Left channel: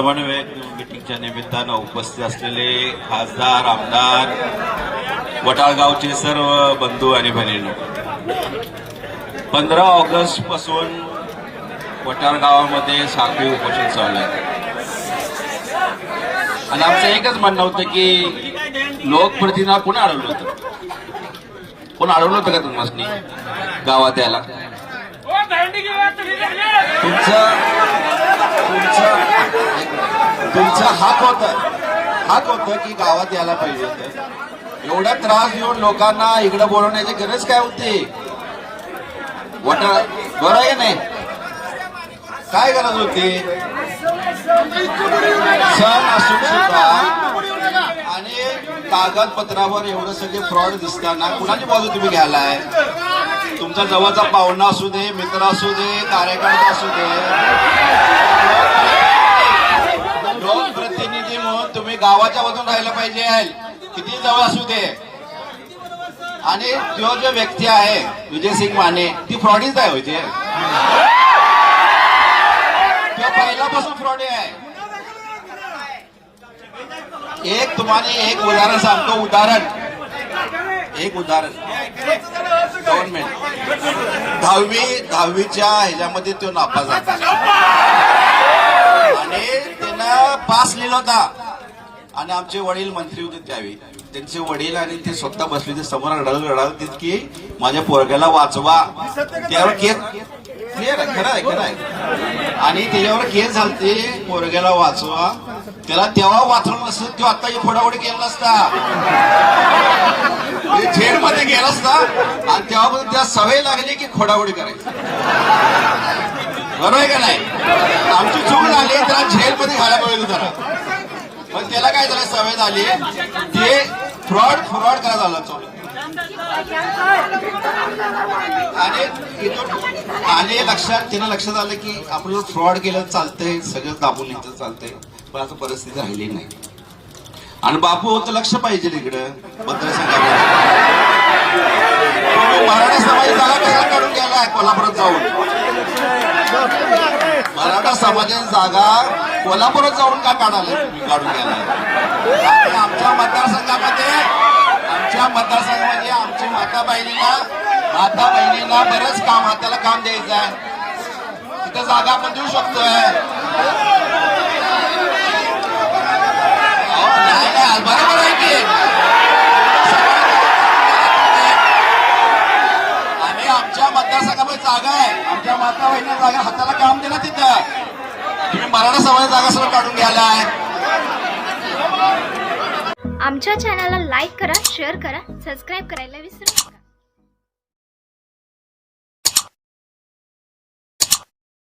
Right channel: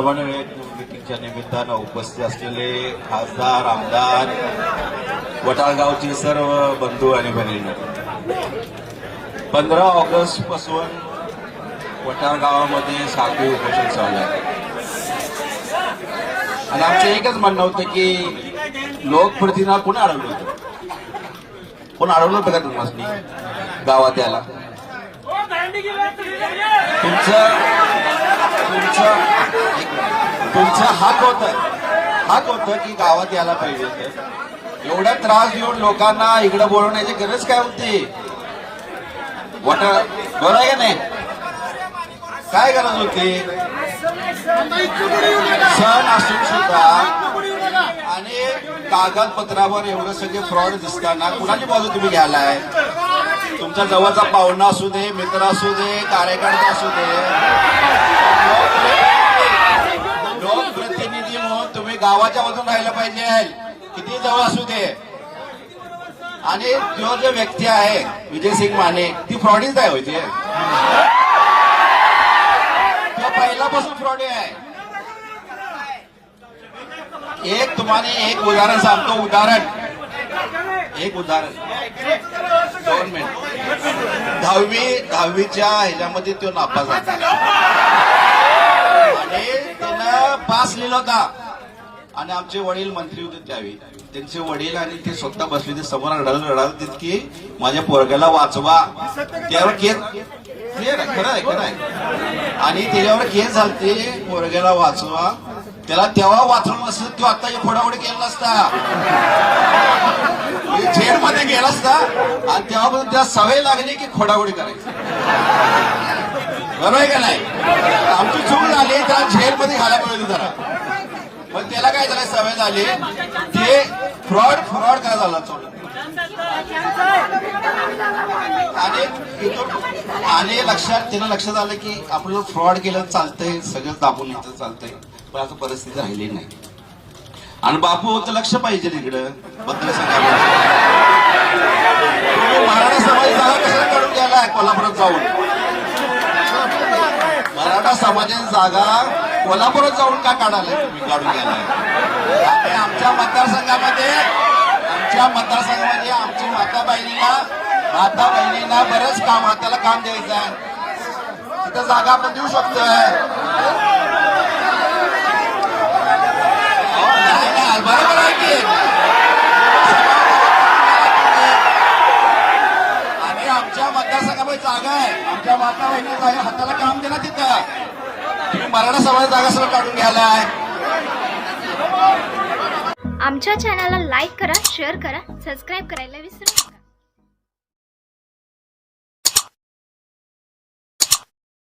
समन्वयक मीटिंगच्या निमित्तानं उपस्थित असलेले खासदार आमदार वटाळगावचे सर्व बंधू आणि बहिणी पंधरा ऑगस्टपासून वटाळगावामध्ये साखळी उपोषण चालू आहे. आणि आमचं एकच म्हणणं होतं की लोकप्रतिनिधीला कोण अडवलं होतं? कोण अडवलं होतं का तुम्हाला गावात याला तुमचं तुमचं तुमचा हात होत. हात होतं की गावात यायला पाहिजे एवढा त्रास देऊन लोकांना इकडे बोलवण्याची गरज काय होती? वट बरं आहे नाही. काय गरज होती? सण असून सुद्धा आणि कागदपत्रावर एवढं सगळे फ्रॉड दिसताना कुणाची बाजू तुम्ही घ्यायलाय? तुमचा जवळचा पाहुणा असू दे मित्र असू दे कार्यकर्ता असू दे. गावाच्या बाजून राहिलं पाहिजे किती जवळ असू दे. आणि जो जो व्यक्ती आहे विजय सिंग माने ती फ्रॉडीच आहे विजय. तो पहिल्यापासून फ्रॉडी आहे. एक तुम्हाला एक उदाहरण सांगतो उदाहरण. एक उदाहरण. दोन मिनिट. दहावी दहावीच्या ह्याच्यामध्ये तो नापास झाला. आणि त्यानं पास लिहिला होता. आणि आमचे वडील मंत्री होते त्यावेळी. त्यांचे वडील आणि ते स्वतः बसले होते समोर रडत रडत होते की माझ्या पोरग्याला वाचवा. त्यावर केस खरं आहे खरं आहे. आणि त्याच्यावर केस झालते पोरग्याला वाचवा. त्याला तेव्हा वाचवलं नसतं तो आता फोडाफोडी केला नसता जेलमध्ये गेला असता. आणि तेव्हापासून त्या सवय लागली की खोडावडी करायची. बरोबर आहे का नाही? आमची चूक झाली त्याला झेलमध्ये घालायला पाहिजे जरा. पण त्याला काय झालं? सवय झाली. ते फ्रॉड फ्रॉड काय झाला चालू आणि आणि लक्षात त्यानं लक्षात आलं की आपलं फ्रॉड केलं चालतंय सगळं दाबून इथं चालतंय. पण आता परिस्थिती राहिली नाही. आणि बापू तर लक्ष पाहिजे इकडं बद्दल सांगायला मराठा समाज जागा त्याला काढून गेला कोल्हापुरात जाऊन. मराठा समाजाची जागा कोल्हापुरात जाऊन का काढायला तुम्ही काढून गेलाय आमच्या मतदारसंघामध्ये आमच्या मतदारसंघामध्ये आमच्या माता बहिणीला माता बहिणींना बरंच काम हाताला काम द्यायचं आहे. तिथं जागा आपण देऊ शकतोय. बरोबर आहे की आणि आमच्या मतदारसंघामध्ये जागा आहे. आमच्या माता बहिणी जागा हाताला काम दिलं तिथं. तुम्ही मराठा समाजात जागा सगळं काढून घ्यायला आहे. आमच्या चॅनलला लाईक करा शेअर करा सबस्क्राईब करायला विसरू नका.